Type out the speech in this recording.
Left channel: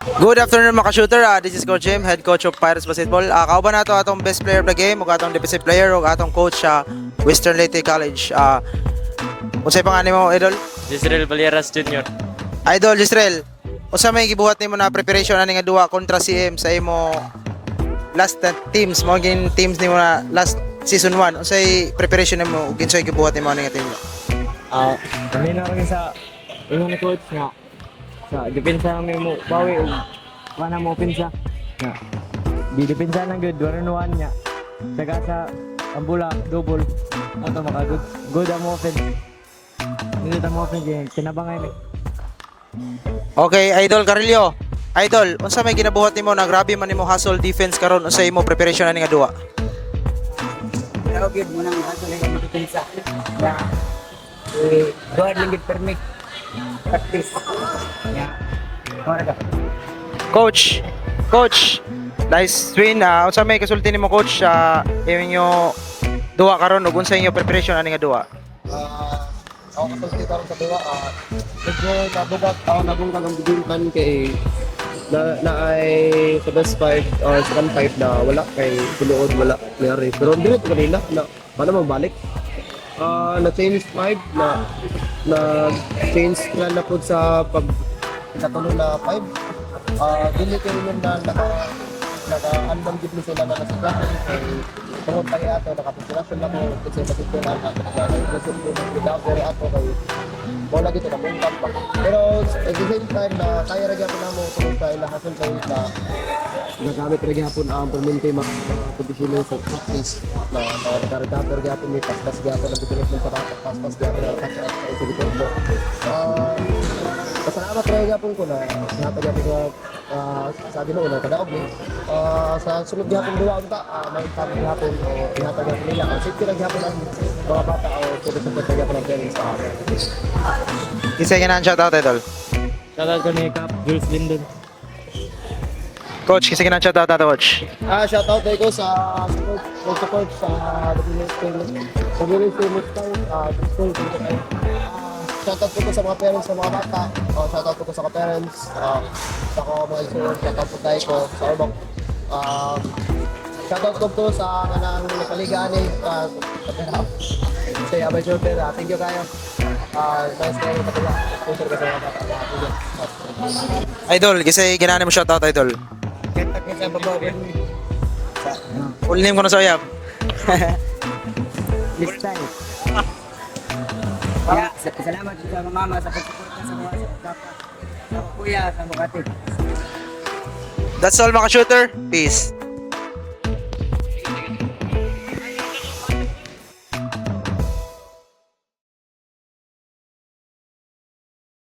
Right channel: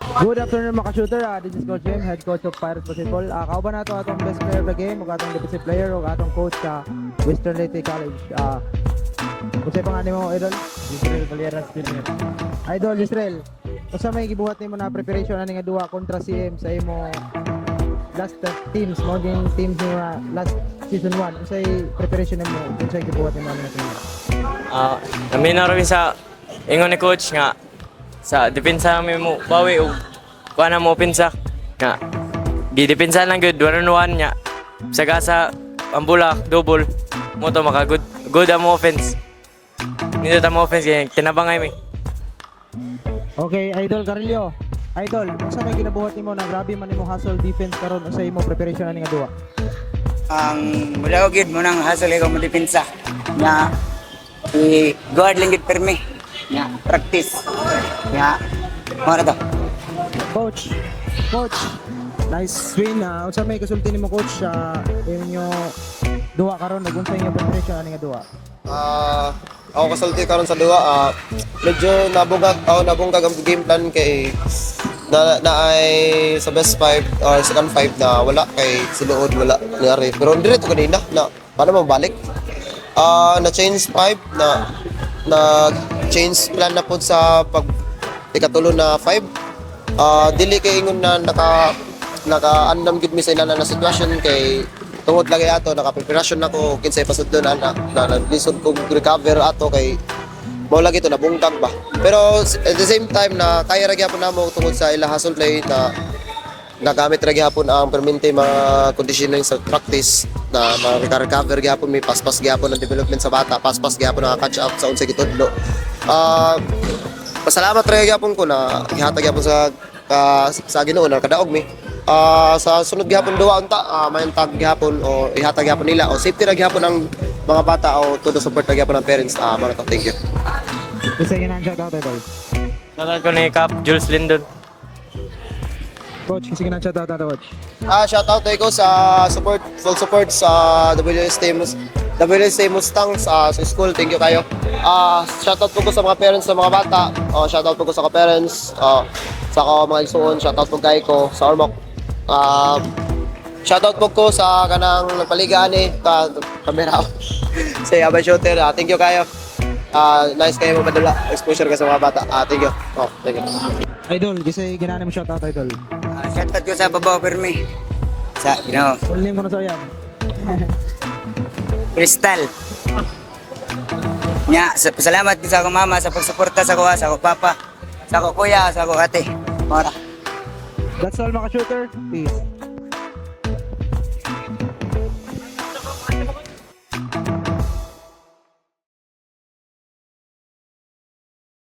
Good afternoon mga ka-shooter. This is Coach Jim, head coach of Pirates Basketball. Kauban nato atong best player of the game, ug atong defensive player, ug atong coach sa Western Leyte College. Unsay pangalan mo, Idol? Jisrael Valeras Jr. Idol Jisrael, unsa may gibuhat nimo na preparation ani nga duwa kontra CM sa imo last teams mo gin teams nimo na last season 1? Unsay preparation nimo ug unsay gibuhat nimo ani nga team? Kami na rin sa ingon ni coach nga sa depensa mi mo bawi o kuha na mo pinsa nga gidepensa lang good 1-on-1 nya sagasa ang bulak double mo to maka good ang offense nito ang offense kaya tinabangay mi. Okay, Idol Carillo. Idol, unsa may ginabuhat nimo na grabe man nimo hustle defense karon unsay imo preparation ani nga duwa? Wala ko gid mo nang hustle ikaw mo depensa na i-guard lang gid permi na practice ya mara to. Coach, nice win. Unsa may kasulti nimo coach sa inyo duwa karon ug unsa inyo preparation ani nga duwa? Ako kasulti karon sa duwa, medyo nabunggag ang game plan kay na ay sa best 5 or second 5 na wala kay siluod wala niyari. Pero diretso kanina na paano mabalik? Na change 5 na change plan na pud sa pag ikatulo na 5. Dili kay ingon na naka-andam gid mi sa ila na sitwasyon kay tungod lagi ato naka-preparasyon nako kinsay pasudlon na naglisod kog recover ato kay mao lagi to nabungkag ba. Pero at the same time na kaya ra gyapon namo tungod sa ila hustle play na nagamit ra gyapon ang permanente mga conditioning sa practice na maka-recover gyapon may paspas gyapon ang development sa bata, paspas gyapon ang catch up sa unsay gitudlo. Pasalamat ra gyapon ko na gihatag gyapon sa Ginoo na kadaog mi. Sa sunod gihapon duwa unta maintag gihapon o ihatag gihapon nila o safety ra gihapon ang mga bata o todo support ra gihapon ang parents. Mga thank you. Isa nga shout out Idol. Shoutout ko ni Cap Jules Lindon. Coach, kisa nga shout out ato coach. Shout out ko sa full support sa WSA Mustangs sa school. Thank you kayo. Shout out ko sa mga parents sa mga bata. Shout out ko sa mga parents sa mga igsoon. Shout out po kay ko sa Ormoc. Shout out po ko sa kanang paligaan kamera sa Abay Shooter. Thank you kayo. Nice kayo mo madala exposure ka sa mga bata. Thank you. Thank you. Idol, kisa ginana mo shout out Idol. Shoutout ko sa babaw permi sa Full name ko na sa uyab. Crystal nya salamat sa akong mama sa pagsuporta sa kuha sa akong papa sa akong kuya sa akong ate mara. That's all mga shooter. Peace.